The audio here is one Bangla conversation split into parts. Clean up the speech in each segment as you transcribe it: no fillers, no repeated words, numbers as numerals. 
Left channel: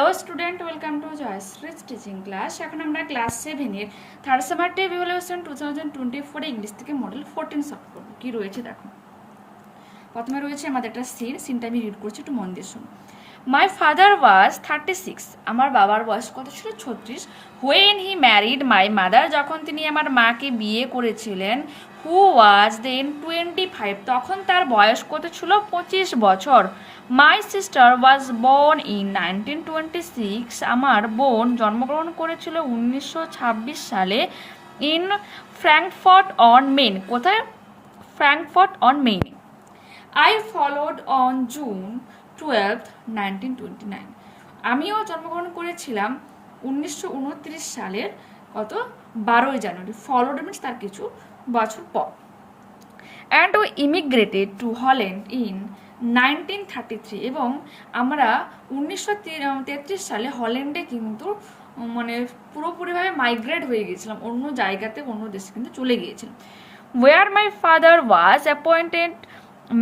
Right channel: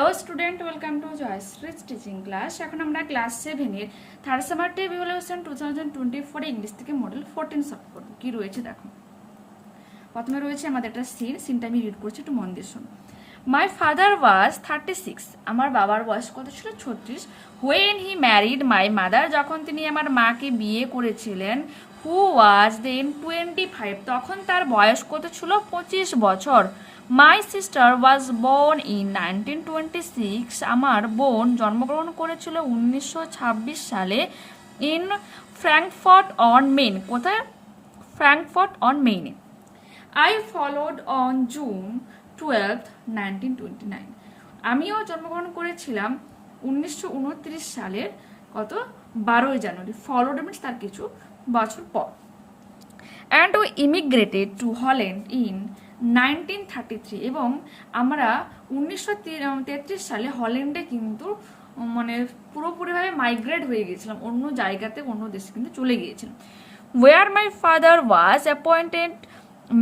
Hello student, welcome to Jayashri's teaching class. এখন আমরা ক্লাস 7 এর থার্ড সামারটিভ ইভালুয়েশন 2024 ইংলিশ থেকে মডেল 14 সলভ করব। কি রয়েছে দেখো। প্রথমে রয়েছে আমাদের একটা সিনটা আমি রিড করছি, একটু মন দিয়ে শোনো। My father was 36. আমার বাবার বয়স কত ছিল? 36. When he married my mother, যখন তিনি আমার মাকে বিয়ে করেছিলেন, who was then 25. তখন তার বয়স কত ছিল? 25 বছর। My sister was born in 1926. আমার বোন জন্মগ্রহণ করেছিল 1926 সালে in Frankfurt on Main. কোথায়? Frankfurt on Main. I followed on June 12th, 1929. আমিও জন্মগ্রহণ করেছিলাম 1929 সালের কত 12 জানুয়ারি। ফলোড মিনস তার কিছু বছর পর। And we immigrated to Holland in 1933 এবং আমরা 1933 সালে হল্যান্ডে কিন্তু মানে পুরোপুরিভাবে মাইগ্রেট হয়ে গিয়েছিলাম, অন্য জায়গাতে অন্য দেশে কিন্তু চলে গিয়েছিলাম। Where my father was appointed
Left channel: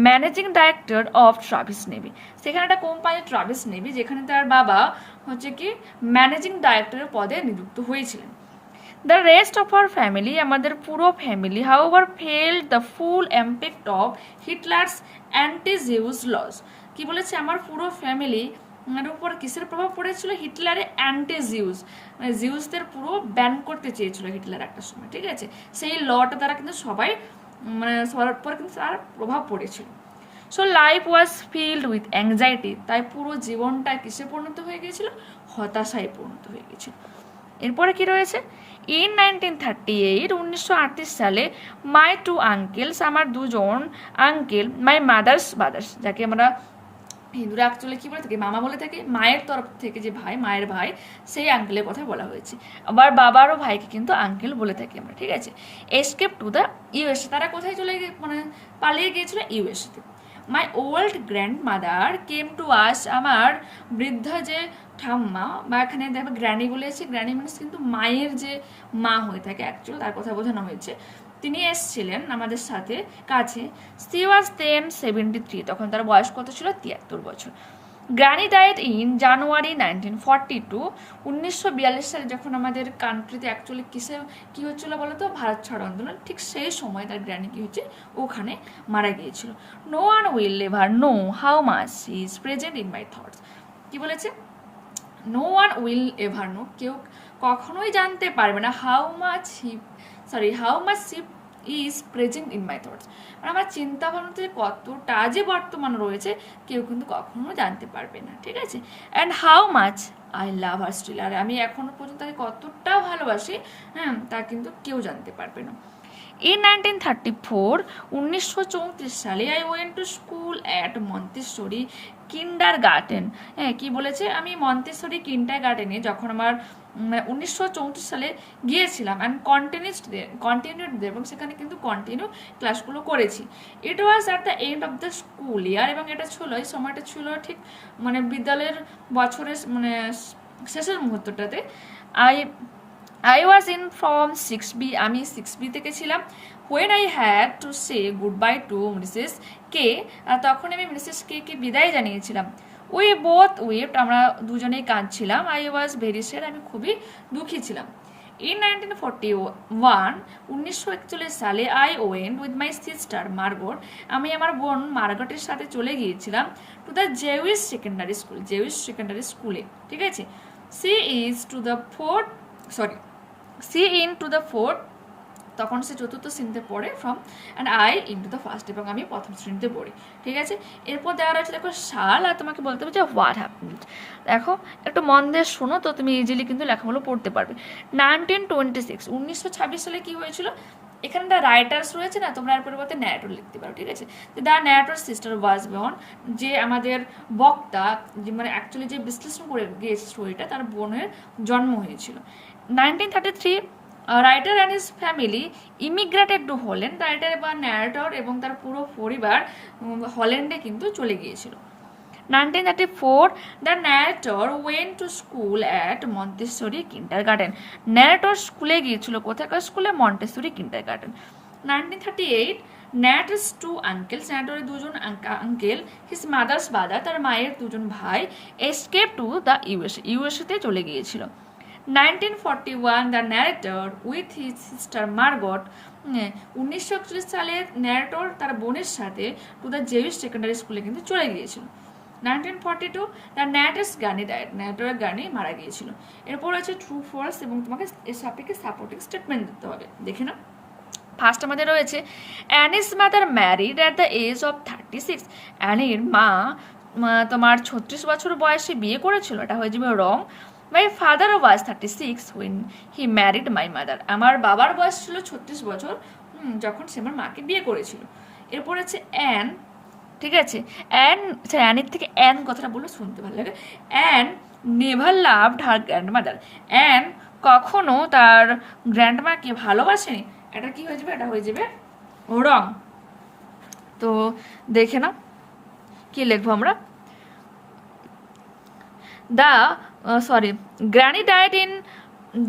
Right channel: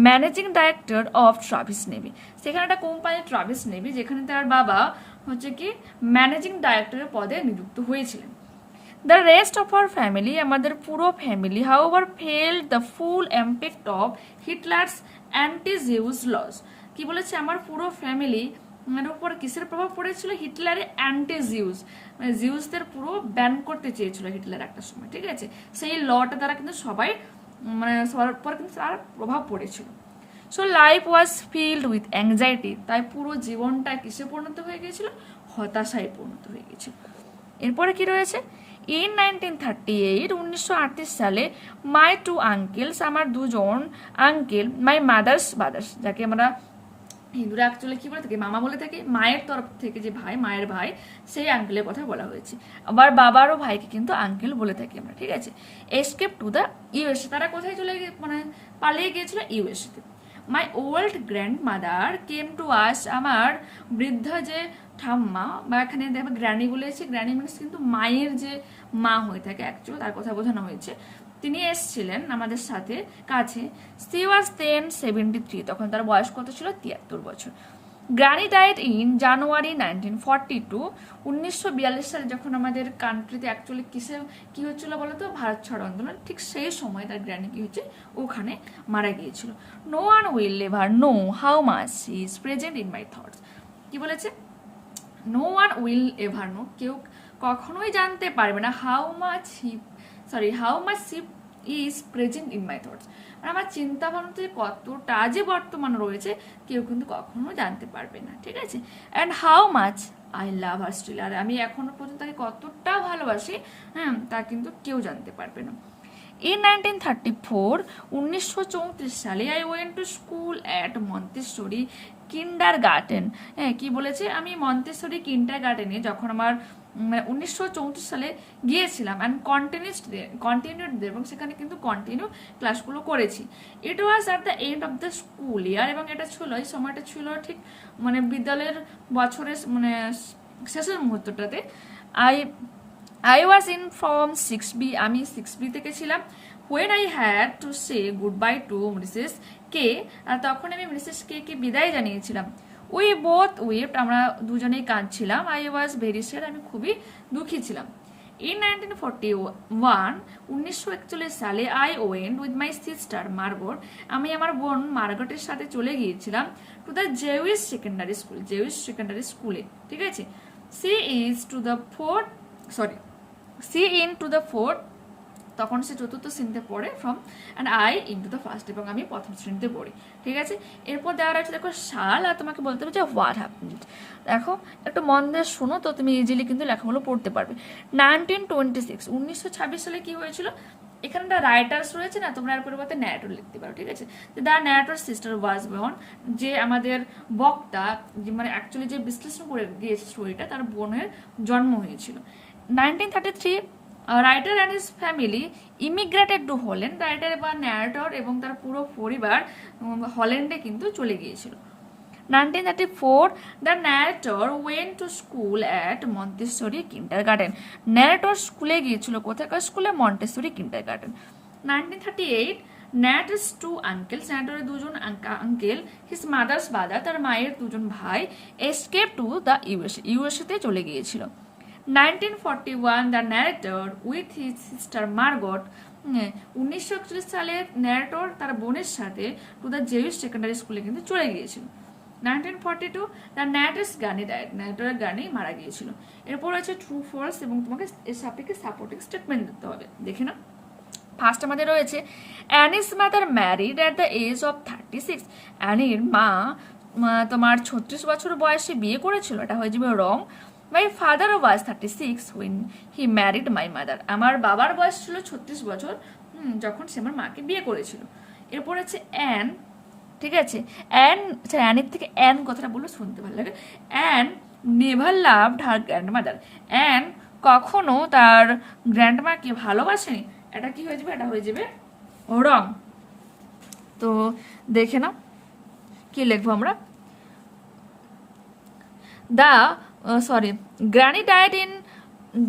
managing director of Travis navy. সেখানে একটা কোম্পানি ট্রাভিস নেভি, যেখানে তার বাবা হচ্ছে কি ম্যানেজিং ডাইরেক্টরের পদে নিযুক্ত হয়েছিলেন। The rest of our family, আমাদের পুরো family, however felt the full impact of Hitler's anti Jewish laws. কি বলেছে? আমার পুরো ফ্যামিলি এর উপর কিসের প্রভাব পড়েছিল? হিটলারের অ্যান্টি জিউস, মানে জিউসদের পুরো ব্যান করতে চেয়েছিল হিটলার একটা সময়, ঠিক আছে? সেই লটা দ্বারা কিন্তু সবাই মানে সবার পর কিন্তু তার প্রভাব পড়েছিল। So life was filled with anxiety, তাই পুরো জীবনটা কিসে পরিণত হয়ে গিয়েছিল? হতাশায় পরিণত হয়ে গিয়েছিল। এরপরে কি রয়েছে? ইন 1938, 1938 সালে মাই টু আঙ্কেলস, আমার দুজন আঙ্কেল, মাই মাদার্স ব্রাদার্স, যাকে আমরা হিন্দুরা অ্যাকচুয়ালি কি বলে থাকি? মামা বলে থাকি। মায়ের তরফ থেকে যে ভাই, মায়ের ভাই, সেই আঙ্কেলের কথা বলা হয়েছে। আবার বাবারও ভাইকে কিন্তু আঙ্কেল বলে থাকি আমরা, ঠিক আছে? এসকেপ টু দ্য ইউএসএ, তারা কোথায় চলে গিয়ে মানে পালিয়ে গিয়েছিল? ইউএসএতে। My old grandmother came to us, আমার বৃদ্ধ যে ঠাম্মা, বা এখানে দেখো গ্র্যানি বলেছে, গ্র্যানি মিনস কিন্তু মায়ের যে মা হয়ে থাকে অ্যাকচুয়ালি, তার কথা বোঝানো হয়েছে। তিনি এসছিলেন আমাদের সাথে কাছে। সি ওয়াজ দেন 73, তখন তার বয়স কত ছিল? 73 বছর। গ্র্যানি ডাইড ইন জানুয়ারি 1942, 1942 সালে যখন আমাদের কান্ট্রিতে অ্যাকচুয়ালি কি হচ্ছিল বলতো? ভারত ছাড় আন্দোলন, ঠিক সেই সময় তার গ্র্যানি কি হচ্ছে? ওখানে মারা গিয়েছিল। No one will ever know how much he is present in my thoughts. কি বলেছে? No one will ever know, কেউ কখনোই জানতে পারবে না, how much he is present in my thoughts, আমার চিন্তা ভাবনাতে কতটা যে বর্তমান রয়েছে কেউ কিন্তু কখনো জানতে পারবে না, ঠিক আছে? And how much I love her still, আর আমি এখনো পর্যন্ত তাকে কতটা ভালোবাসি, হ্যাঁ, তা কিন্তু কেউ জানতে পারবে না। In 1934, 1934 সালে I went to school at Montessori kindergarten. হ্যাঁ, কি বলেছে? আমি মন্তেশ্বরী কিন্ডারগার্টেনে যখন আমার 1934 সালে গিয়েছিলাম অ্যান্ড কন্টিনিউড এবং সেখানে কিন্তু কন্টিনিউ ক্লাসগুলো করেছি। It was at the end of the school year, এবং এটা ছিল, এই সময়টা ছিল ঠিক মানে বিদ্যালয়ের বছরের মানে শেষের মুহূর্তটাতে। I was in from 6B, আমি 6B থেকে ছিলাম। When I had to say goodbye to Mrs. K, তখন আমি মিসেস কে কে বিদায় জানিয়েছিলাম। We both wept, আমরা দুজনেই কাঁদছিলাম। I was very sad, আমি খুবই দুঃখী ছিলাম। In 1941, 1941 সালে I went with my sister Margot, আমি আমার বোন মার্গটের সাথে চলে গিয়েছিলাম to the Jewish secondary স্কুলে, ঠিক আছে? She into the fourth, তখন সে চতুর্থ শ্রেণীতে পড়ে, from and I into the first, এবং আমি প্রথম শ্রেণীতে পড়ি, ঠিক আছে? এরপর দেওয়া রয়েছে দেখো সাল, আর তোমাকে বলতে হবে যে হোয়াট হ্যাপেন্ড। দেখো একটু মন দিয়ে শোনো, তো তুমি ইজিলি কিন্তু লেখাগুলো পড়তে পারবে। 1926, 1926 সালে কি হয়েছিল? এখানে একটা রাইটার্স রয়েছে না, তোমরা এর পরিবর্তে ন্যারেটর লিখতে পারো, ঠিক আছে? The narrator sister was born, যে আমাদের বক্তা মানে অ্যাকচুয়ালি যে বিশ্লেষণ করে গিয়েছে স্টোরিটা, তার বোনের জন্ম হয়েছিল। 1933, writer and his family immigrated to Holland, writer বা ন্যারেটর এবং তার পুরো পরিবার হল্যান্ডে কিন্তু চলে গিয়েছিল। 1934, the narrator went to school at Montessori kindergarten, narrator স্কুলে গিয়েছিল, কোথাকার স্কুলে? Montessori kindergarten. 1938, ন্যাটস টু আঙ্কেলস, ন্যাটোরের দুজন আঙ্কেল, হিজ মাদার্স ব্রাদার, তার মায়ের দুজন ভাই, এসকেপ টু দ্য ইউএসএতে চলে গিয়েছিল। 1941 the narrator with his sister Margot, 1941 সালে ন্যারেটর তার বোনের সাথে টু দ্য জেউইশ সেকেন্ডারি স্কুলে কিন্তু চলে গিয়েছিল। 1942 দ্য ন্যাটস গানি ডায়েট, ন্যারেটরের গানি মারা গিয়েছিল। এরপর আছে ট্রু ফলস এবং তোমাকে এর সাপেক্ষে সাপোর্টিং স্টেটমেন্ট দিতে হবে। দেখে না, ফার্স্ট আমাদের রয়েছে Anne's mother married at the age of 36, অ্যানির মা তোমার 36 বছর বয়সে বিয়ে করেছিল, এটা হয়ে যাবে wrong. My father was 36 when he married my mother, আমার বাবার বয়স ছিল 36 বছর যখন সে আমার মাকে বিয়ে করেছিল। এরপর আছে অ্যান, ঠিক আছে, অ্যানের থেকে অ্যান কথাটা বললে শুনতে ভালো লাগে। Anne never loved her grandmother, Anne কখনো তার গ্র্যান্ডমাকে ভালোবাসেনি, এটা কি হয়ে যাবে, এটা হয়ে যাবে রং। তো দেখে না কি লিখবো আমরা, granny died in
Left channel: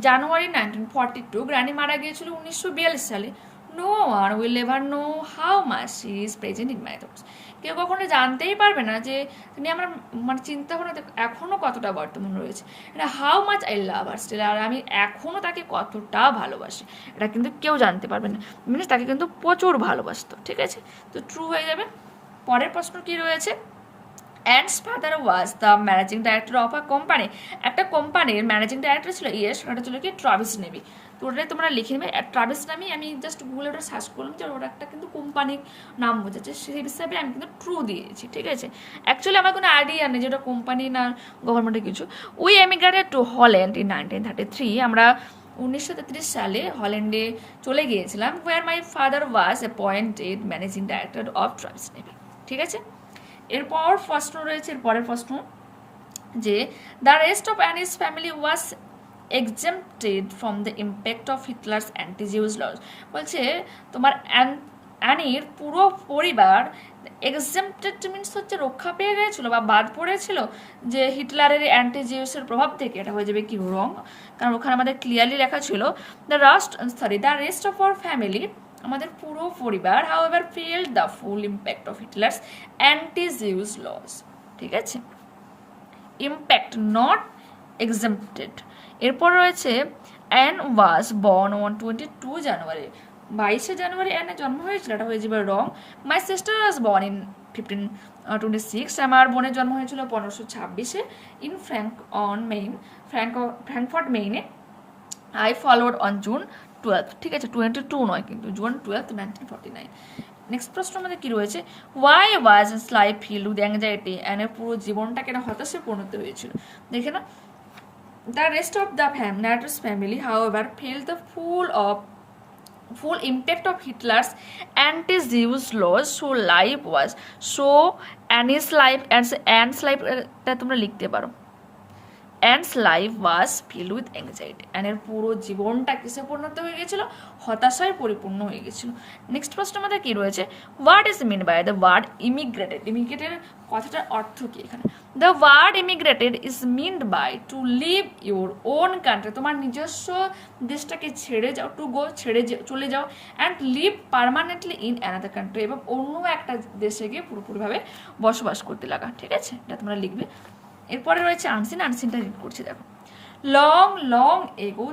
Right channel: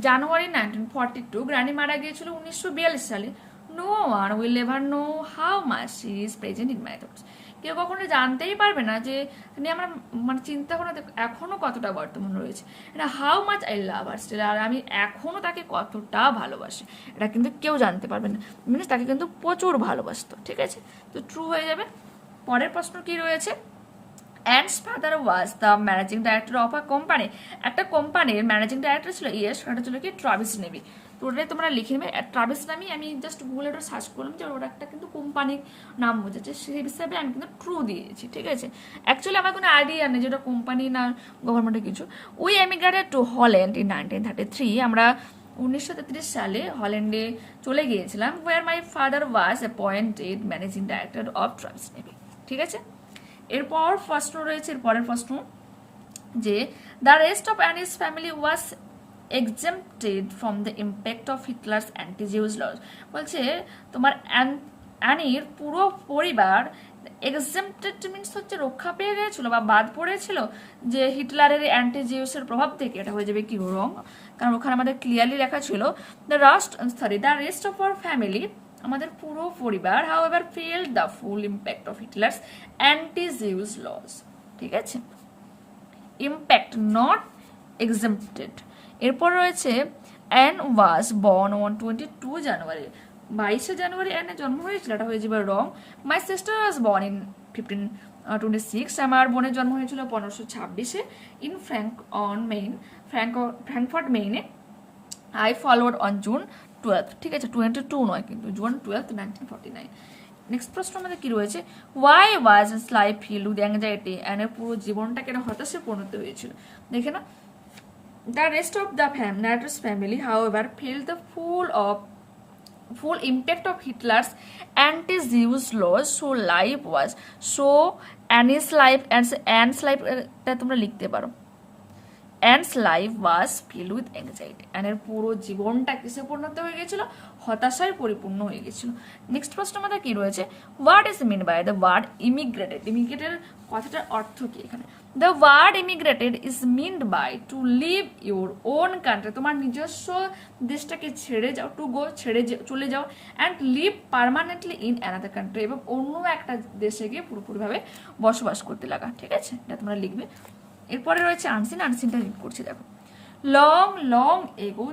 January 1942, granny মারা গিয়েছিল 1942 সালে। No one will ever know how much she is present in my thoughts, কেউ কখনো জানতেই পারবে না যে তিনি আমার মানে চিন্তা ভাবনা এখনো কতটা বর্তমান রয়েছে। এটা how much I love her still, আর আমি এখনো তাকে কতটা ভালোবাসি, এটা কিন্তু কেউ জানতে পারবে না, মিনস তাকে কিন্তু প্রচুর ভালোবাসতো। ঠিক আছে, তো ট্রু হয়ে যাবে। পরের প্রশ্ন কি রয়েছে, ants father was the managing director of a company, একটা কোম্পানির ম্যানেজিং ডাইরেক্টর ছিল, ইয়েস, ওটা ছিল কি ট্রাভিস নেভি। তো ওটাই তোমরা লিখে নেবে ট্রাভিস নামে, আমি জাস্ট গুগলে ওটা সার্চ করলাম যে ওটা একটা কিন্তু কোম্পানির নাম বোঝাচ্ছে, সেই হিসাবে আমি কিন্তু ট্রু দিয়েছি। ঠিক আছে, অ্যাকচুয়ালি আমার কোনো আইডিয়া নেই যে ওটা কোম্পানি না গভর্নমেন্টের কিছু। We emigrated to Holland in 1933, আমরা 1933 সালে হল্যান্ডে চলে গিয়েছিলাম। Where my father was appointed managing director of Travis নেভি। ঠিক আছে, এরপর প্রশ্ন রয়েছে, এরপরের প্রশ্ন যে the rest of Anne's family was exempted from the impact of Hitler's anti Jewish laws, বলছে তোমার অ্যানির পুরো পরিবার এক্সেম্পটেড মিনস হচ্ছে রক্ষা পেয়ে গেছিল বা বাদ পড়েছিল যে হিটলারের অ্যান্টি-জিউসের প্রভাব থেকে, এটা হয়ে যাবে কি রং, কারণ ওখানে আমাদের ক্লিয়ারলি লেখা ছিল the rest of our family, আমাদের পুরো পরিবার however felt the full impact of Hitler's anti Jewish laws. ঠিক আছে, ইম্প্যাক্ট নট এক্সেম্পটেড। এরপর রয়েছে Anne was born on 22 January, 22 জানুয়ারি অ্যানের জন্ম হয়েছিল, এটা হয়ে যাবে wrong. My sister was born in 1526, আমার বোনের জন্ম হয়েছিল 1526 ইন ফ্র্যাঙ্কফর্ট মেইনে। আই ফলোড অন জুন 12, ঠিক আছে 22 নয় কিন্তু জুন 12, 1949। নেক্সট প্রশ্ন আমাদের কি রয়েছে, why was life filled with anxiety, অ্যানের পুরো জীবনটা কেন হতাশে পরিণত হয়েছিল। দেখে না, the rest of the narrator's family however felt the full impact of Hitler's anti-Jewish laws, so life was Anne's life টা তোমরা লিখতে পারো, Anne's life was filled with anxiety, অ্যানের পুরো জীবনটা কিসে পরিণত হয়ে গেছিল, হতাশায় পরিপূর্ণ হয়ে গেছিল। নেক্সট প্রশ্ন আমাদের কি রয়েছে, what is mean by the word immigrated, ইমিগ্রেটের কথাটার অর্থ কি এখানে। The word immigrated is meant by to leave your own country, তোমার নিজস্ব দেশটাকে ছেড়ে যাও, টু গো চলে যাও, and leave permanently in another country, এবং অন্য একটা দেশে গিয়ে পুরোপুরিভাবে বসবাস করতে লাগা। ঠিক আছে, এটা তোমরা লিখবে। এরপরে রয়েছে আনসিন, আনসিনটা রিড করছি দেখো। লং এগো,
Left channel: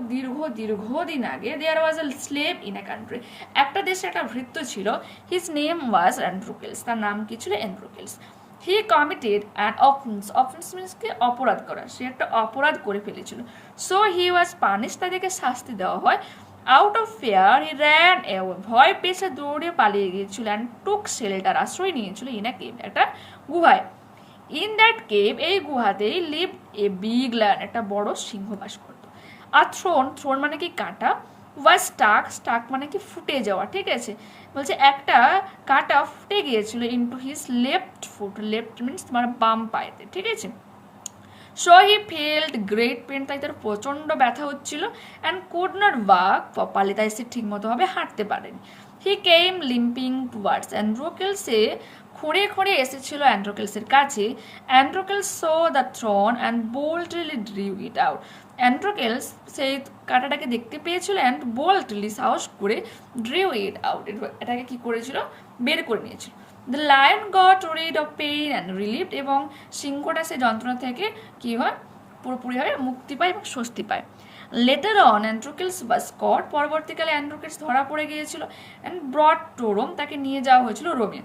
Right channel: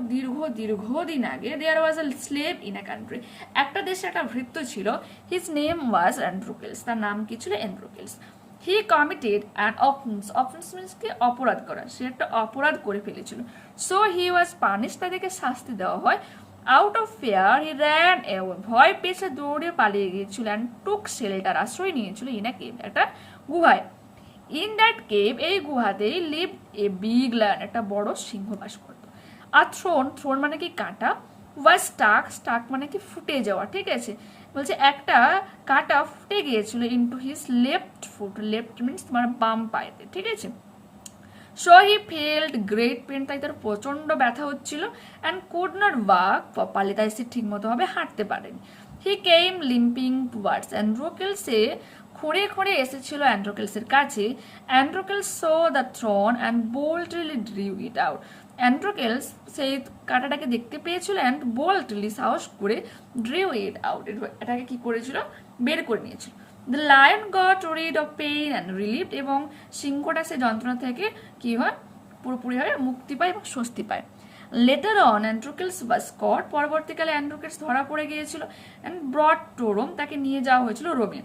দীর্ঘদিন আগে, দেয়ার ওয়াজ আ স্লেভ ইন আ কান্ট্রি, একটা দেশে একটা ভৃত্য ছিল, হিজ নেম ওয়াজ অ্যান্ড্রোকেলস, তার নাম কি ছিল, Androcles. He committed an offence means কে অপরাধ করা, সে একটা অপরাধ করে ফেলেছিল। সো হি ওয়াজ পানিশ, তাদেরকে শাস্তি দেওয়া হয়। Out of fair he ran away, ভয় পেয়ে দৌড়ে পালিয়ে গিয়েছিল। অ্যান্ড টুক শেল্টার, আশ্রয় নিয়েছিল, ইন আ কেভ, একটা গুহায়। ইন দ্যাট কেভ, এই গুহাতেই লিভ এ বিগ লায়ন, একটা বড় সিংহ বাস করত। আর থ্রোন মানে কি কাঁটা, ওয়াজ স্টাক মানে কি ফুটে যাওয়া। ঠিক আছে, বলছে একটা কাঁটা ফুটে গিয়েছিল into his left foot, left means তোমার বাম পায়েতে। ঠিক আছে, so he felt great pain, তাই তার প্রচন্ড ব্যথা হচ্ছিল। And could not walk properly, তাই সে ঠিক মতো ভাবে হাঁটতে পারেনি। হি কেম লিম্পিং টুয়ার্ডস অ্যান্ড্রোকেলস, খুঁড়িয়ে খুঁড়িয়ে এসেছিল অ্যান্ড্রোকেলসের কাছে। অ্যান্ড্রোকেলস saw the throne and boldly drew it out. অ্যান্ড্রোকেলস সেই কাঁটাটাকে দেখতে পেয়েছিল and boldly সাহস করে drew it out, এটাকে কি করেছিল, বের করে নিয়েছিল। The lion got rid of pain and relieved, এবং সিংহটা সেই যন্ত্রণা থেকে কি হয়, পুরোপুরিভাবে মুক্তি পায় এবং স্বস্তি পায়। লেটার অন অ্যান্ড্রোকেলস was caught, পরবর্তীকালে অ্যান্ড্রোকেলস ধরা পড়ে গিয়েছিল and brought to Rome, তাকে নিয়ে যাওয়া হয়েছিল রোমে।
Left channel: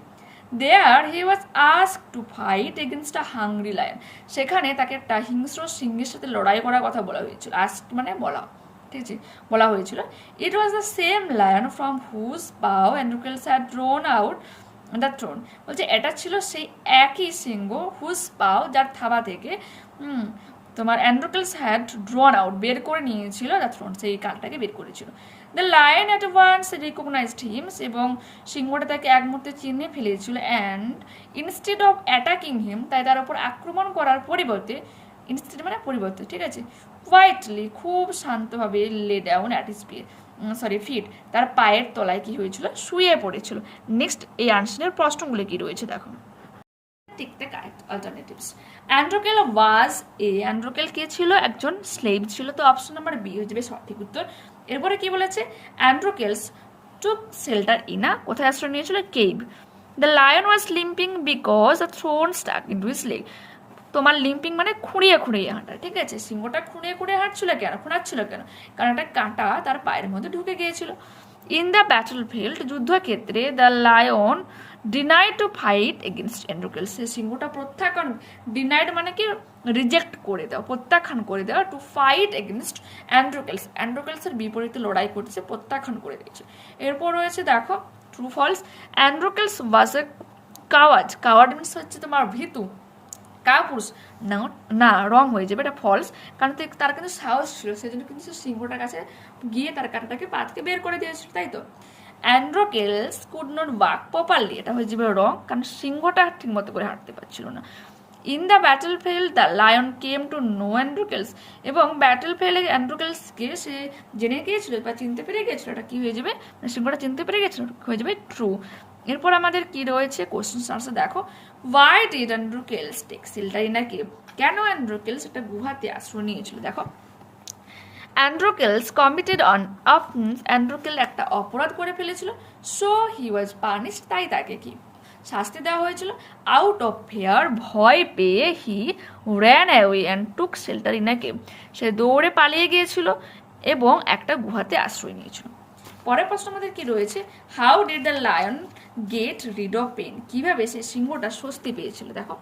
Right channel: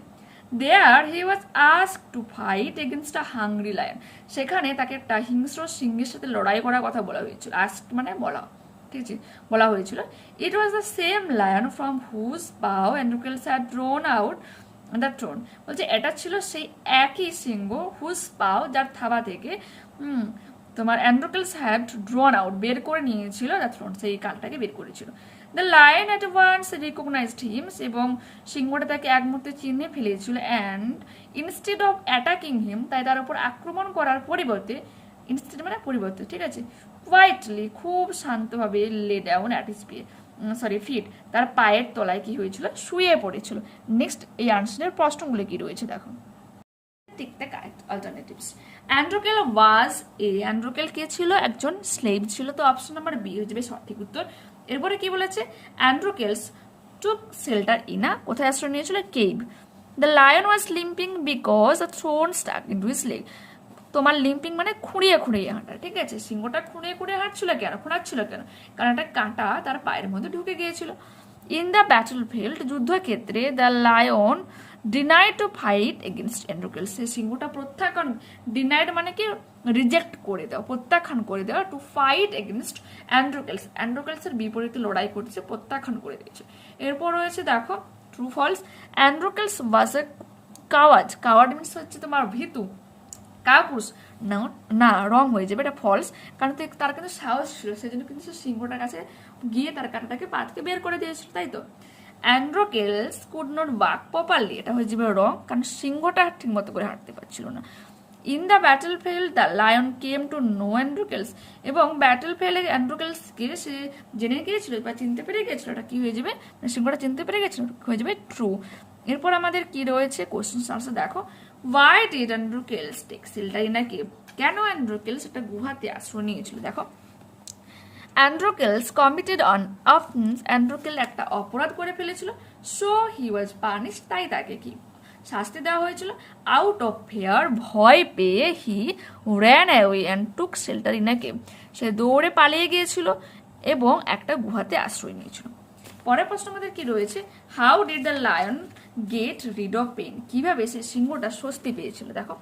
There he was asked to fight against a hungry lion, সেখানে তাকে একটা হিংস্র সিংহের সাথে লড়াই করার কথা বলা হয়েছিল। asked মানে বলা, ঠিক আছে, বলা হয়েছিল। It was the same lion from whose paw Androcles had drawn out the throne, বলছে এটা ছিল সেই একই সিংহ whose paw, যার থাবা থেকে তোমার অ্যান্ড্রোকেলস হ্যাড ড্রন আউট, বের করে নিয়েছিল দ্য থ্রোন, সেই কানটাকে বের করেছিল। The lion at once recognized him, এবং সিংহটা তাকে এক মুহূর্তে চিহ্নে ফেলেছিল। And instead of attacking him, তাই তার উপর আক্রমণ করার পরিবর্তে, ইনস্টেড মানে পরিবর্তে, ঠিক আছে, কোয়াইটলি খুব শান্তভাবে লে ডাউন অ্যাট হিজ ফিট, তার পায়ের তলায় কি হয়েছিল, শুয়ে পড়েছিল। নেক্সট এই আনসারের প্রশ্নগুলো কি রয়েছে দেখো। Take the correct alternatives. অ্যান্ড্রোকেল ওয়াজ অ্যান্ড্রোকেল কে ছিল, একজন স্লেভ ছিল, তো অপশন নাম্বার বি হয়ে যাবে সঠিক উত্তর। এরপরে কি বলেছে, অ্যান্ড্রোকেলস টুক শেল্টার ইন আ, কোথায় আশ্রয় নিয়েছিল, cave. The lion was limping because the thorn stuck into his leg, তোমার লিম্পিং মানে খুঁড়িয়ে খুঁড়িয়ে হাঁটা, ঠিক আছে, সিংহটা খুঁড়িয়ে খুঁড়িয়ে হাঁটছিল কেন, খোঁড়াচ্ছিল কেন, কারণ একটা কাঁটা তার পায়ের মধ্যে ঢুকে গিয়েছিল। ইন দ্য ব্যাটল ফিল্ড, যুদ্ধক্ষেত্রে, the lion denied to fight against অ্যান্ড্রোকেলস, সেই সিংহটা প্রত্যাখ্যান, ডিনাইড মানে কি রিজেক্ট করে দেওয়া, প্রত্যাখ্যান করে দেওয়া, টু ফাইট এগেনস্ট অ্যান্ড্রোকেলস, অ্যান্ড্রোকেলসের বিপরীতে লড়াই করছে, প্রত্যাখ্যান করে দিয়েছে। এরপর রয়েছে দেখো ট্রু ফলস, অ্যান্ড্রোকেলস ওয়াজ এ কাওয়ার্ড, কাওয়ার্ড মিনস হচ্ছে তোমার ভীতু, কাপুরুষ না, না রং হয়ে যাবে, এটা ফলস, কারণ তার কিন্তু সাহস ছিল, সেই জন্য কিন্তু সিংহটার কাছে গিয়ে তার কাঁটাটাকে পা থেকে বের করে দিয়েছিল, তাই তো। অ্যান্ড্রোকেলস কুড নট ওয়াক প্রপারলি, এটা হয়ে যাবে রং, কারণ সিংহটা ঠিক মতো করে হাঁটতে পারছিল না। In the battle field the lion came to know অ্যান্ড্রোকেলস, এবং ব্যাটল ফিল্ডে অ্যান্ড্রোকেলসকে সে জেনে গিয়েছিল বা চিনতে পেরে গিয়েছিল, এটা কি হয়ে যাবে, সিংহটা চিনতে পেরে গেছিল, হয়ে যাবে ট্রু। এরপর আমাদের কি রয়েছে কোশ্চেন আনসার দেখো। Why did Androcles take shelter in a cave? কেন অ্যান্ড্রোকেলস একটা গুহাতে আশ্রয় নিয়েছিল, দেখো। অ্যান্ড্রোকেলস কমিটেড অন অফেন্স, অ্যান্ড্রোকেল একটা অপরাধ করে ফেলেছিল, সো হি ওয়াজ পানিশড, তাই তাকে কি শাস্তি দেওয়া হয়েছিল। আউট অফ ফিয়ার, ভয় পেয়ে, he ran away and took shelter in a cave, সে দৌড়ে পালিয়ে গিয়েছিল এবং একটা গুহাতে আশ্রয় নিয়েছিল। পরের প্রশ্ন আমাদের কি রয়েছে, how did the lion get rid of pain, কিভাবে সে সিংহটা স্বস্তি পেয়েছিল, দেখো।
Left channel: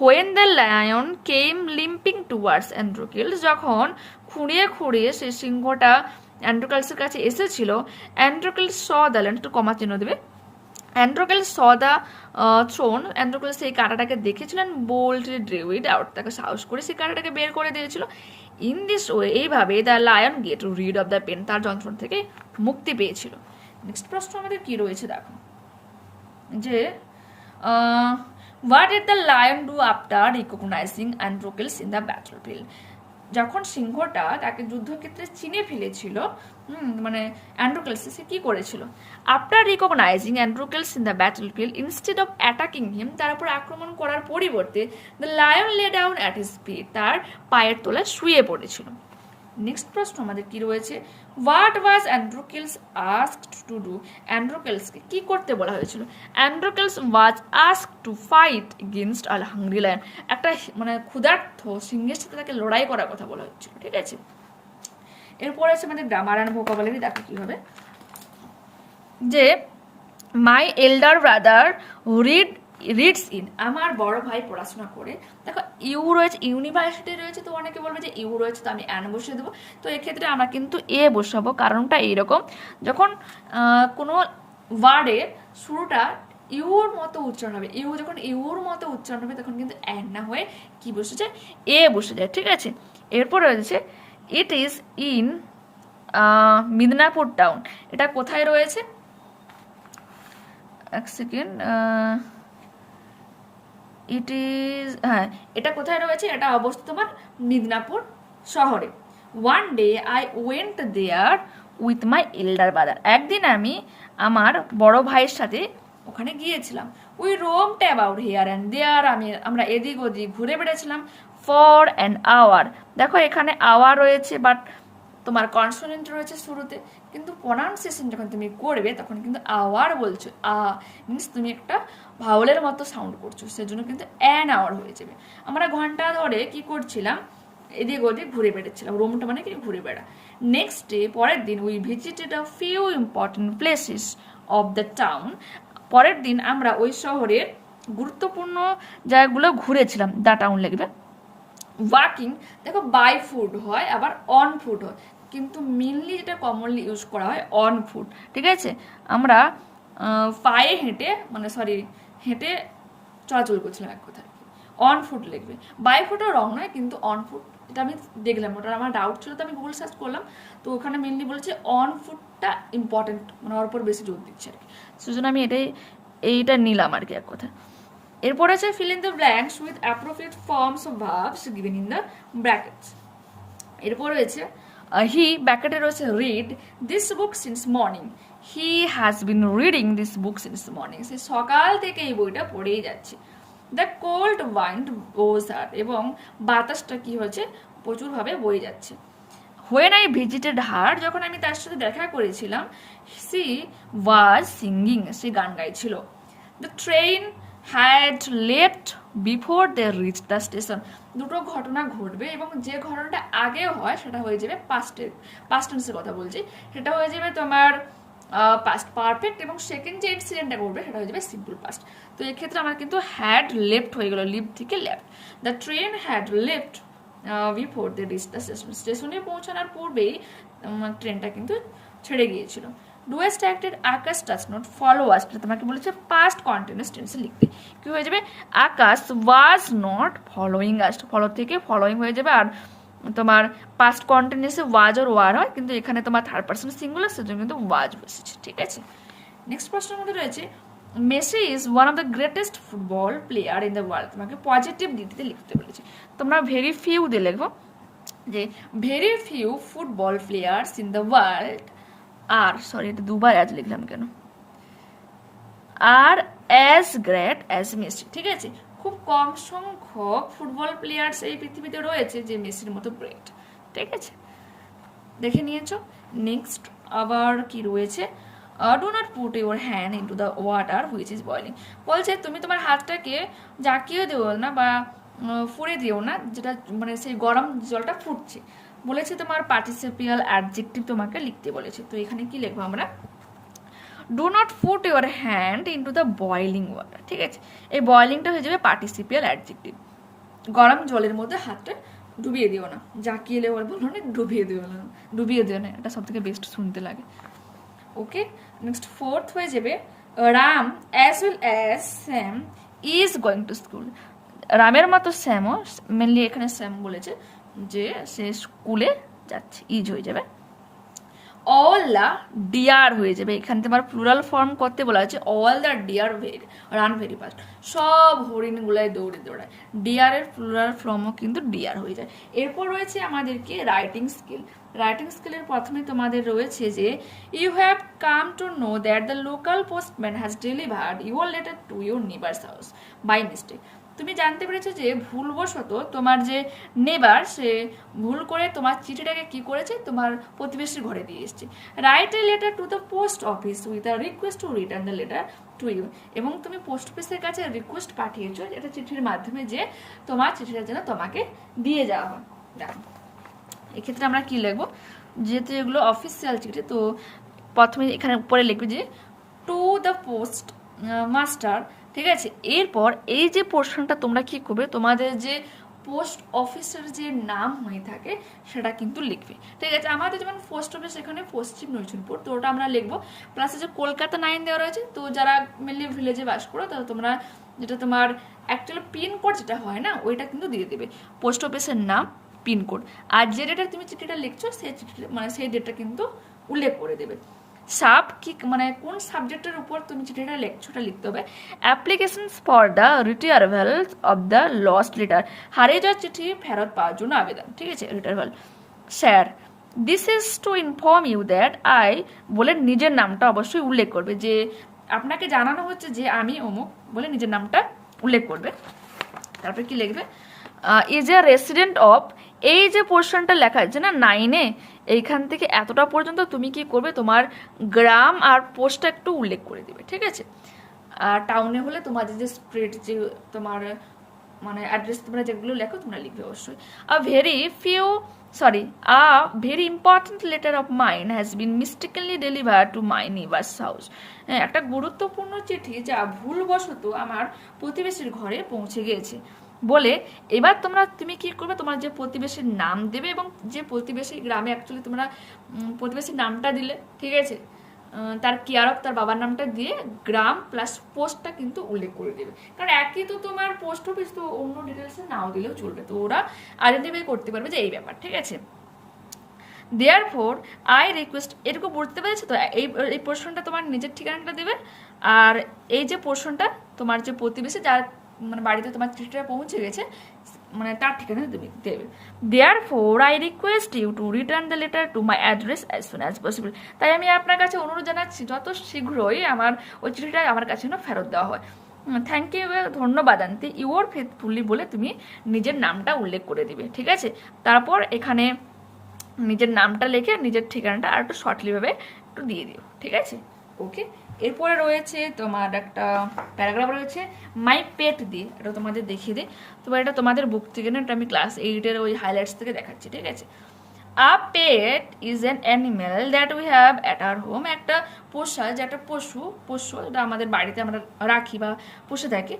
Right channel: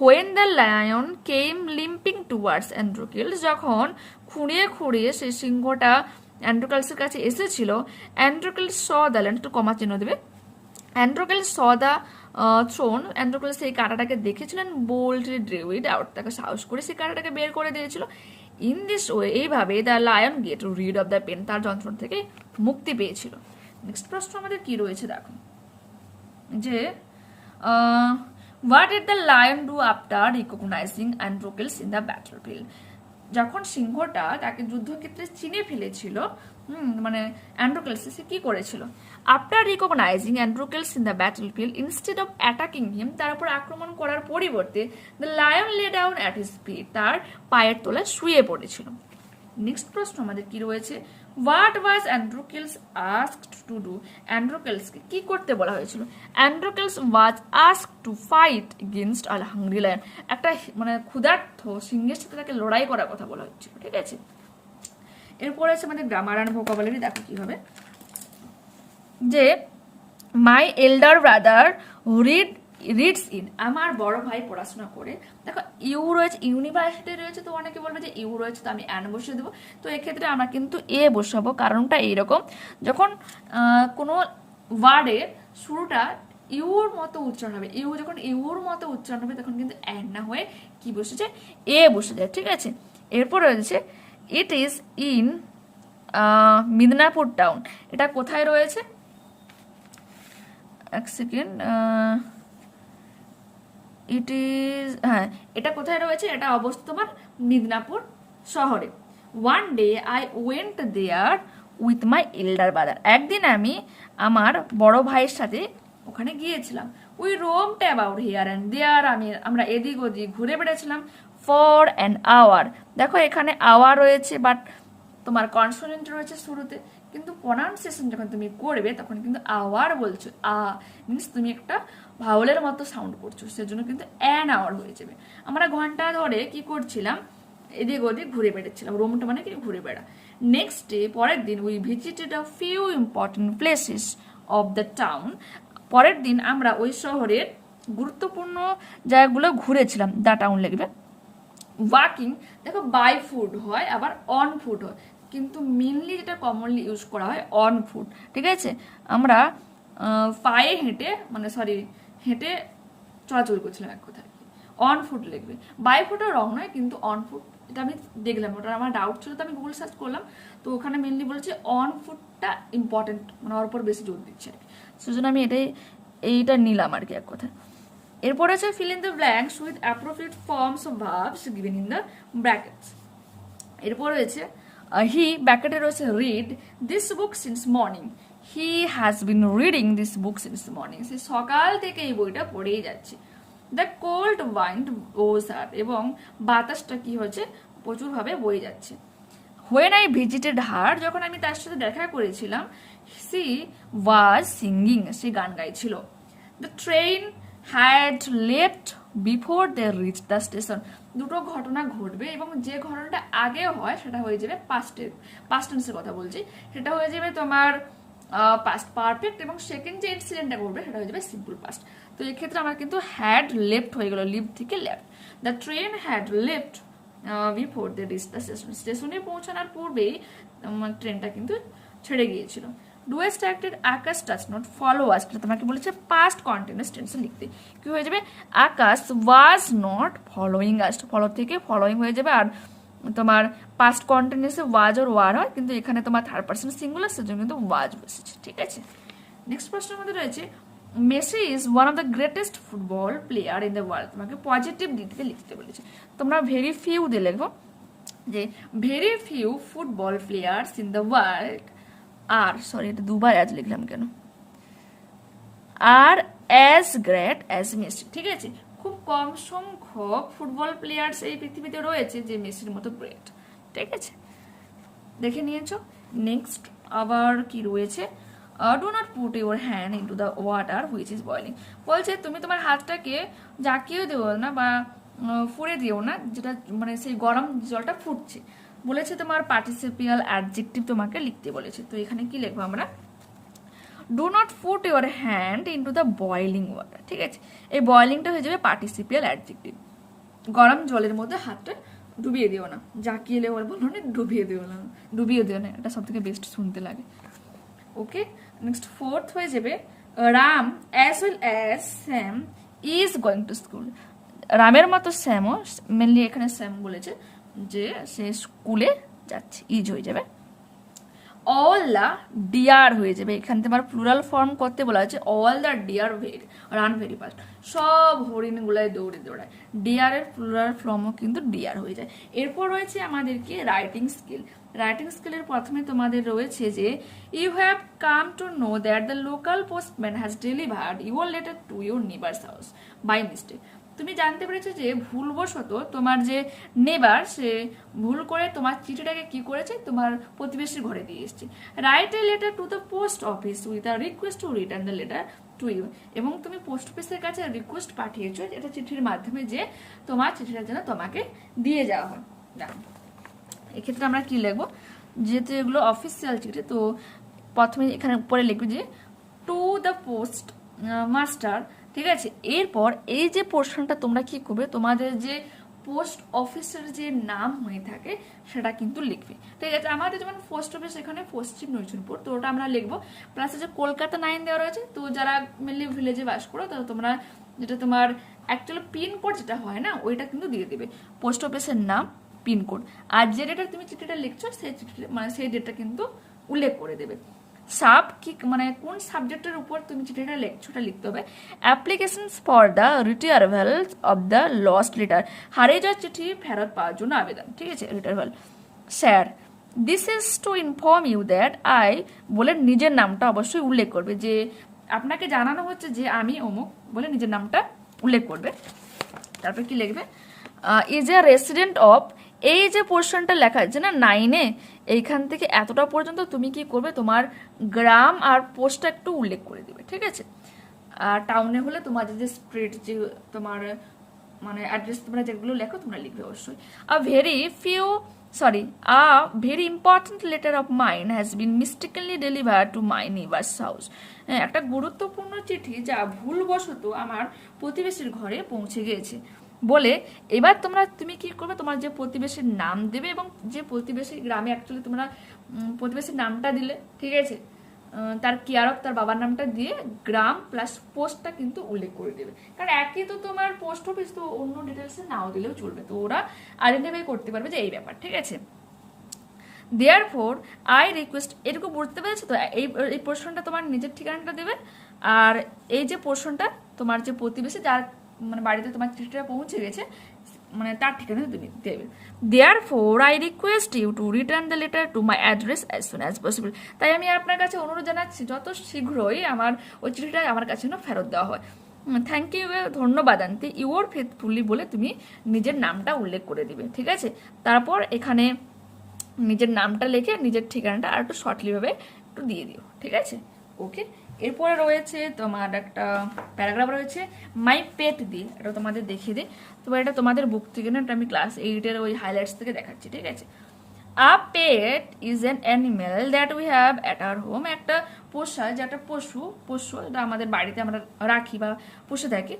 When the lion came limping towards Androcles, যখন খুঁড়িয়ে খুঁড়িয়ে সে সিংহটা অ্যান্ড্রোকেলসের কাছে এসেছিল, অ্যান্ড্রোকেলস স দ্য লায়ন, একটু কমা চিহ্ন দেবে, অ্যান্ড্রোকেলস স দ্য থ্রোন, অ্যান্ড্রোকেলস সেই কাঁটাটাকে দেখেছিলেন, বোল্ডলি ড্রিউ ইট আউট, তাকে সাহস করে সেই কাঁটাটাকে বের করে দিয়েছিল। ইন দিস ওয়ে, এইভাবে the lion get rid of the pain, তার যন্ত্রণা থেকে মুক্তি পেয়েছিল। নেক্সট প্রশ্ন আমাদের কি রয়েছে দেখো, যে what did the lion do after recognizing Androcles in the battle field, যখন সিংহটা তাকে যুদ্ধক্ষেত্রে চিনে ফেলেছিল, মানে অ্যান্ড্রোকেলস, সে কি করেছিল। After recognizing Androcles in the battle field, instead of attacking him, তার উপর আক্রমণ করার পরিবর্তে, the lion lay down at his feet, তার পায়ের তলায় শুয়ে পড়েছিল। নেক্সট প্রশ্ন আমাদের কি রয়েছে, what was Androcles asked to do, অ্যান্ড্রোকেলসকে কি করতে বলা হয়েছিল। Androcles was asked to fight against a hungry lion, একটা মানে ক্ষুধার্ত সিংহের সাথে তাকে লড়াই করার কথা বলা হয়েছিল, ঠিক আছে। এরপর আছে আমাদের গ্রামার অ্যান্ড ভোকাবুলারি, দেখো কি হবে, যে মাই এল্ডার ব্রাদার রিডস ইন, আমার বড় ভাই পড়াশোনা করে, দেখো ইউ রয়েছে, ইউনিভার্সিটি রয়েছে, তো অনেকে বলবে যে ইউ রয়েছে তো আমি অ্যান বসিয়ে দেবো, তো এক্ষেত্রে আমরা কিন্তু এ বসাবো, কারণটা এইরকম, যখন কোনো ওয়ার্ডের শুরুটা ইউর মতো উচ্চারণ হবে, ইউ যখন ইউর মতো উচ্চারণ হবে তখন কিন্তু অ্যান না হয়ে কি বসে যায়, এ বসে যায়, ঠিক আছে। এরপর রয়েছে it is in Midnapore town, এটা কোথায় রয়েছে, এক সেকেন্ড, ইট ইজ, হ্যাঁ এটা কোথায় রয়েছে, এটা অবস্থিত তোমার মিদনাপুর শহরে। One day I went there with my elder brother, একদিন আমি আমার বড় ভাইয়ের সাথে ওখানে গিয়েছিলাম। We roamed about here and there, আমরা এদিক ওদিক ঘুরে বেড়াচ্ছিলাম ফর অ্যান আওয়ার। দেখো এখানে আওয়ার রয়েছে বাট তোমার কনসোনেন্ট রয়েছে শুরুতে, কিন্তু প্রনাউন্সিয়েশন যখন তুমি করবে তখন কিন্তু আওয়ার বলছো, মিনস তুমি একটা ভাওলের মতো সাউন্ড করছো, সেজন্য কিন্তু অ্যান আওয়ার হয়ে যাবে। আমরা ঘন্টা ধরে কি করছিলাম, এদিক ওদিক ঘুরে বেড়াচ্ছিলাম, রোমটা মানে কি ঘুরে বেড়া। নেক্সট ডে, পরের দিন, we visited a few important places of the town. পরের দিন আমরা ওই শহরের গুরুত্বপূর্ণ জায়গাগুলো ঘুরেছিলাম, দ্য টাউন লিখবে। ওয়াকিং, দেখো বাই ফুট হয় আবার অন ফুট হয়, কিন্তু মেনলি যেটা কমনলি ইউজ করা হয় অন ফুট, ঠিক আছে। আমরা পায়ে হেঁটে হেঁটে চলাচল করছিলাম এক কথায়, অন ফুট লিখবে। বাই ফুটও রং নয়, কিন্তু অন ফুট, এটা আমি দেখলাম, ওটা আমার ডাউট ছিল তো আমি গুগল সার্চ করলাম, তো ওখানে মেনলি বলছে অন ফুটটা ইম্পর্টেন্ট, মানে ওর উপর বেশি জোর দিচ্ছে আর কি, সেজন্য আমি এইটা নিলাম আর কি এক কথায়। এরপর আছে fill in the blanks with appropriate forms of verbs given in the brackets। এরপর রয়েছে হি, ব্র্যাকেটে রয়েছে read this book since morning, he has been reading this book since morning, সে সকাল থেকে এই বইটা পড়েই যাচ্ছে। the cold wind blows her, এবং বাতাসটা কি হয়েছে প্রচুরভাবে বয়ে যাচ্ছে। when I visited her, যখন আমি তার সাথে দেখা করেছিলাম, she was singing, সে গান গাইছিল। the train had left before they reached the station, দুটো ঘটনা ঘটবে এবং যে ঘটনাটা আগে হয় সেটা হয়ে যাবে পাস্ট টেন্সের কথা বলছি, সেটা হয়ে যাবে তোমার পাস্ট পারফেক্ট, এবং সেকেন্ড যে ইনসিডেন্টটা করবে সেটা হয়ে যাবে সিম্পল পাস্ট। তো এই ক্ষেত্রে আমার কিন্তু হ্যাড লেফট হয়ে গেল, লিভ থেকে left. The train had left before they reach the station, স্টেশনে পৌঁছানোর পূর্বেই ট্রেনটা কিন্তু ছেড়ে গিয়েছিল। ডু স্ট্রাক্টেড Akash does not follow us, তোমাকে বলেছে পাস্ট কন্টিনিউয়াস টেন্সে লিখতে, কি হয়ে যাবে Akash was not following us, follow থেকে ফলোইং হয়ে যাবে। আর তোমার পাস্ট কন্টিনিউয়াসে ওয়াজ আর ওয়ার হয়, কিন্তু এখানে তোমার থার্ড পারসন সিঙ্গুলার, সেজন্য কিন্তু ওয়াজ বসেছে, ঠিক আছে। নেক্সট প্রশ্নের মধ্যে রয়েছে Messi is one of the greatest football player in the world, তোমাকে পজিটিভ দিতে লিখতে বলেছে। তোমরা ভেরি ফিউ দিয়ে লিখবো, যে very few football players in the world are, sorry এটা দুবার অ্যাজ লিখলাম কেন, are as great as Messi, ঠিক আছে। খুব কম সংখ্যক ফুটবল প্লেয়ার্স এই পৃথিবীতে রয়েছে যে মেসির মতো গ্রেট, ঠিক আছে, দেখে নিয়েছো। নেক্সট আবার কি রয়েছে, do not put your hand into the water which is boiling, বলছে তুমি তোমার হাতটাকে জাকিয়ে দিও না বা ফুড়ে দিও না, যেটা মানে সেই গরম জলটা ফুটছে। বলেছে তোমার পার্টিসিপিয়াল অ্যাডজেক্টিভ তোমাকে লিখতে বলেছে, তো এখানে কি লিখবো আমরা, do not put your hand into the boiling water, ঠিক আছে। এই বয়লিংটা হয়ে যাবে পার্টিসিপিয়াল অ্যাডজেক্টিভ, গরম জলের মধ্যে হাতটা ডুবিয়ে দিও না, জাকিয়ে বলবো না, ডুবিয়ে দিও না, এটা সব থেকে বেস্ট শুনতে লাগে। ওকে, নেক্সট ফোর্থ হয়ে যাবে Ram as well as Sam is going to school, রামের মতো স্যামও, মেনলি এখানে স্যাম বলেছে যে সে স্কুলে যাচ্ছে, ইজ হয়ে যাবে। অল দ্য ডিয়ার হয়ে যাবে, এখানে তোমার প্লুরাল ফর্ম করতে বলা হয়েছে, all the deer run very fast, সব হরিণগুলাই দৌড়ায়, ডিয়ারের প্লুরাল ফর্মও কিন্তু ডিয়ার হয়ে যায়। এরপর রয়েছে আমাদেরকে রাইটিং স্কিল। রাইটিং স্কিলের প্রথমে তোমাদের রয়েছে যে you have come to know that the local postman has delivered your letter to your neighbour's house by mistake, তুমি জানতে পেরেছো যে ভুলবশত তোমার যে নেবার সে ভুল করে তোমার চিঠিটাকে কি করেছে তোমার প্রতিবেশীর ঘরে দিয়ে এসেছে। Write a letter to the post office with a request to return the letter to you, এবং তুমি পোস্ট অফিসের কাছে রিকোয়েস্ট পাঠিয়েছো এটা চিঠির মাধ্যমে যে তোমার চিঠিটা যেন তোমাকে দিয়ে যাওয়া হয়। এক্ষেত্রে আমরা কি লিখবো, যেহেতু এগুলো অফিসিয়াল চিঠি, তো প্রথমে এখানে উপরে লিখবে যে টু দ্য পোস্ট মাস্টার, ঠিক আছে। এরপর এই যে পোর্শনটা তোমরা কি করবে, তোমাদের যে পোস্ট অফিসের যে নাম হয়ে থাকে সেটা কিন্তু লিখবে, ঠিক আছে। আমাদের যেমন পোস্ট অফিস এখানে পশ্চিম নৈচুনপুর, তো ওটা আমরা লিখবো। প্লাস যে কলকাতা 9 দেওয়া রয়েছে, তো যারা মেনলি ভিলেজে বাস করো তো তোমরা যেটা তোমার অ্যাকচুয়ালি পিনকোড যেটা হয় না ওইটা কিন্তু দিয়ে দেবে, পোস্ট অফিসের নাম পিনকোড, আর যে ডেটা তুমি চিঠিটা লিখছো সেই চিঠি মানে সেই ডেটা কিন্তু উল্লেখ করে দেবে। সাব কি মানে কোন সাবজেক্টের উপর তুমি চিঠিটা লিখছো ওটা লিখতে হবে। Applications for the retrieval of the lost letter, হারিয়ে যাওয়া চিঠি ফেরত পাওয়ার জন্য আবেদন, ঠিক আছে, retrieval. Sir this is to inform you that I, বলে নিজের নামটা অবশ্যই উল্লেখ করবে, যে আপনাকে জানানো হচ্ছে যে আমি অমুক বলে নিজের নামটা উল্লেখ করবে। তারপর কি লিখবে, ইজ এ রেসিডেন্ট অফ, এই যে পোর্শনটা লেখা আছে না 9-এ, এইখান থেকে এতটা পর্যন্ত তুমি কি করবে, তোমার গ্রাম আর পোস্টটা একটু উল্লেখ করে দিবে, ঠিক আছে। আর টাউনে হলে তোমাদের যে স্ট্রিট, যে তোমার মানে অ্যাড্রেস তোমরা যেগুলো লেখো তোমরা লিখবে অবশ্যই। A very important letter of mine has been mistakenly deliver to my neighbour's house. একটা গুরুত্বপূর্ণ চিঠি যা ভুলবশত আমার প্রতিবেশীর ঘরে পৌঁছে গিয়েছে বলে, এবার তুমি কি করবে, তোমার যে প্রতিবেশীর নাম দেবে এবং যে প্রতিবেশী গ্রামে অ্যাকচুয়ালি তোমরা প্রতিবেশীর নামটা দিলে, ঠিক আছে, তার কেয়ার অফ তার বাবার নামটা দিয়ে গ্রাম প্লাস পোস্টটা কিন্তু উল্লেখ করে দেবে। কারণ একই তো তোমার পোস্ট অফিস, তো অন্য ডিটেলসে নাও দিলেও চলবে, তো ওরা আইডেন্টিফাই করতে পারবে যে এই ব্যাপার, ঠিক আছে। দেয়ারফোর আই রিকোয়েস্ট, এটুকু বুঝতে পেরেছো তো, এই পোর্শনটা তোমার নিজের ঠিকানাটা দেবে, আর এই যে পোর্শনটা তোমার যে প্রতিবেশী যার মানে বাড়িতে তোমার চিঠিটা পৌঁছে গেছে মানে তার ঠিকানা তুমি দেবে। Therefore I request you to return the letter to my address as soon as possible. তাই আমি আপনার কাছে অনুরোধ জানাচ্ছি যত শীঘ্রই আমার ওই চিঠিটা আমার কাছে যেন ফেরত দেওয়া হয়। থ্যাংক ইউ, ধন্যবাদ আন্টি, ইউর ফেথফুলি বলে তুমি নিজের নামটা উল্লেখ করে দিবে, ঠিক আছে। তারপর এখানে নিজের নামটা লিখে নিজের ঠিকানাটা আর একটু শর্টলিভাবে একটু দিয়ে দিও, ঠিক আছে। ওকে, এরপরে রয়েছে তোমার একটা প্যারাগ্রাফ রয়েছে মাই পেট দিয়ে, এটা তোমাদের দেখিয়ে দিই। তো এটা তোমাদের বুক থেকে না, এটা আমি ক্লাস 8-এর ওই হাইলাইটস থেকে দেখাচ্ছি, ঠিক আছে। A pet is an animal that we have at our home. একটা পোষা, যে একটা পশু এটা আমাদের বাড়িতে আমরা রাখি বা পুষে থাকি।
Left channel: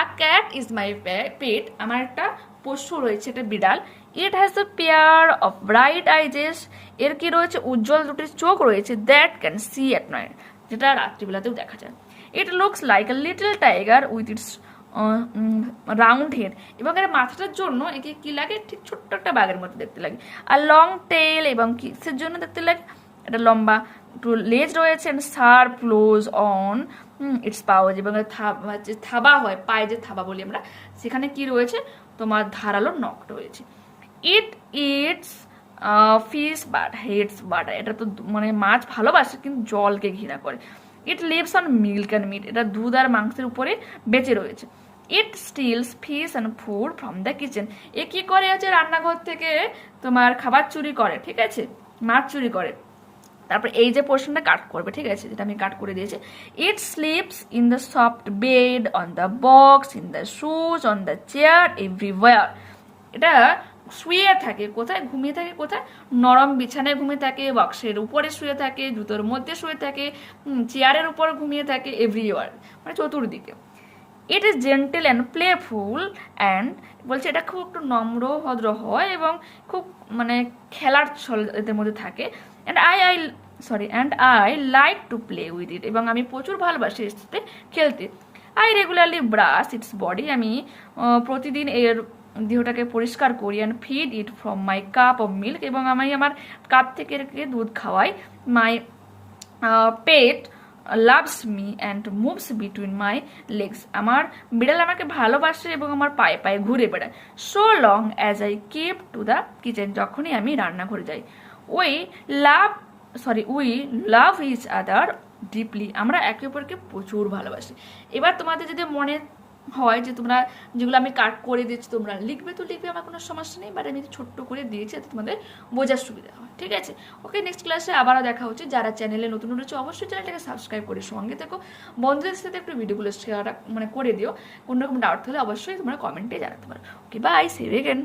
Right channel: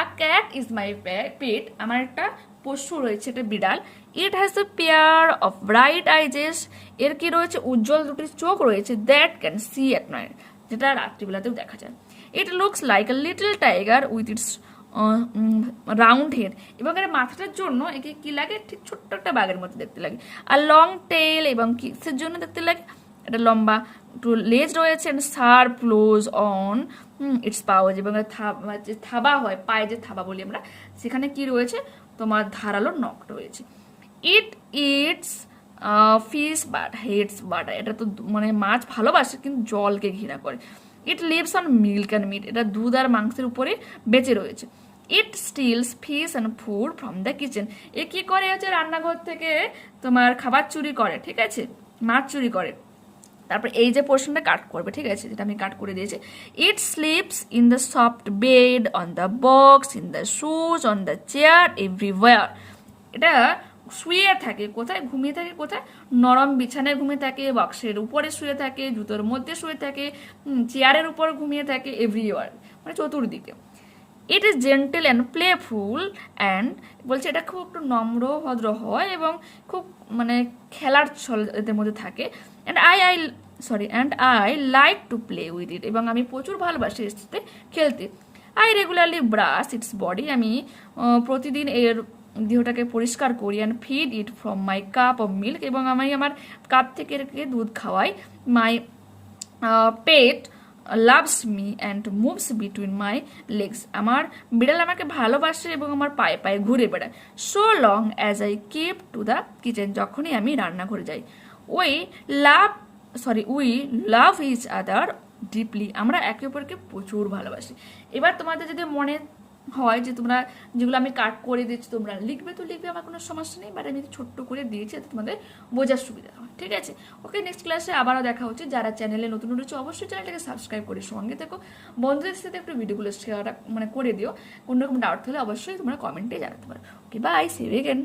আ ক্যাট ইজ মাই পেট, আমার একটা পশু রয়েছে, একটা বিড়াল। It has a pair of bright eyes, এর কি রয়েছে, উজ্জ্বল দুটি চোখ রয়েছে, that can see at night, যেটা রাত্রিবেলাতেও দেখা যায়। It looks like a little tiger with its round head, এবং এর মাথাটার জন্য একে কি লাগে, ঠিক ছোট্ট একটা বাঘের মতো দেখতে লাগে। আর লং টেল, এবং কিসের জন্য দেখতে লাগে, এটা লম্বা একটু লেজ রয়েছে, শার্প ক্লোজ অন ইটস পাওয়াজ, এবং থাবা হয়, পায়ে যে থাবা বলি আমরা, সেখানে কি রয়েছে, তোমার ধারালো নখ রয়েছে। It eats fish but hates butter, এটা তো মানে মাছ ভালোবাসে কিন্তু জলকে ঘৃণা করে। It lives on milk and meat, এটা দুধ আর মাংসের উপরে বেঁচে রয়েছে। It steals fish and food from the kitchen, এ কি করে আছে, রান্নাঘর থেকে তোমার খাবার চুরি করে, ঠিক আছে, মাছ চুরি করে। তারপর এই যে পোর্শনটা কাট করবে, ঠিক আছে, যেটা আমি কাট করে দিয়েছি। It sleeps in the soft bed, on the box, in the shoes, on the chair, everywhere, এটা শুয়ে থাকে কোথায়, ঘুমিয়ে থাকে কোথায়, নরম বিছানায় ঘুমিয়ে থাকে, বক্সের উপরে শুয়ে থাকে, জুতোর মধ্যে শুয়ে থাকে, চেয়ারের উপর ঘুমিয়ে থাকে, এভরিওয়ার মানে চতুর্দিকে। It is gentle and playful and, বলছে এটা খুব একটু নম্র ভদ্র হয় এবং খুব মানে খেলার ছল এদের মধ্যে থাকে। And I like to play with it, এবং আমি প্রচুর ভালোবাসি এর সাথে খেলতে। I regularly brush its body, আমি প্রতিদিন এর দেহটাকে পরিষ্কার করি। And feed it from my cup of milk, এবং আমি আমার কাপ থেকে দুধ খাওয়াই। My pet loves me and moves between my legs, আমার বিড়াল আমাকে ভালোবাসে এবং আমার পায়ে পায়ে ঘুরে বেড়ায়। So long as I keep to the kitchen, যখনই আমি রান্নাঘরে যাই। We love each other deeply, আমরা একে অপরকে প্রচুর ভালোবাসি। এবার তোমাদের যদি মনে হয় যে তোমরা যেগুলো আমি কাট করে দিচ্ছি তোমরা লিখবে, তো লিখবে, আমার কোনো সমস্যা নেই, বাট আমি ছোট্ট করে দিয়েছি যাতে তোমাদের বোঝার সুবিধা হয়, ঠিক আছে। ওকে, নেক্সট ক্লাসে আবারও দেখা হচ্ছে। যারা চ্যানেলে নতুন রয়েছে অবশ্যই চ্যানেলটাকে সাবস্ক্রাইব করে সঙ্গে থেকো, বন্ধুদের সাথে একটু ভিডিওগুলো শেয়ার মানে করে দিও। কোনো রকম ডাউট হলে অবশ্যই তোমরা কমেন্টে জানাতে পারো। ওকে, বাই, সি ইউ এগেন।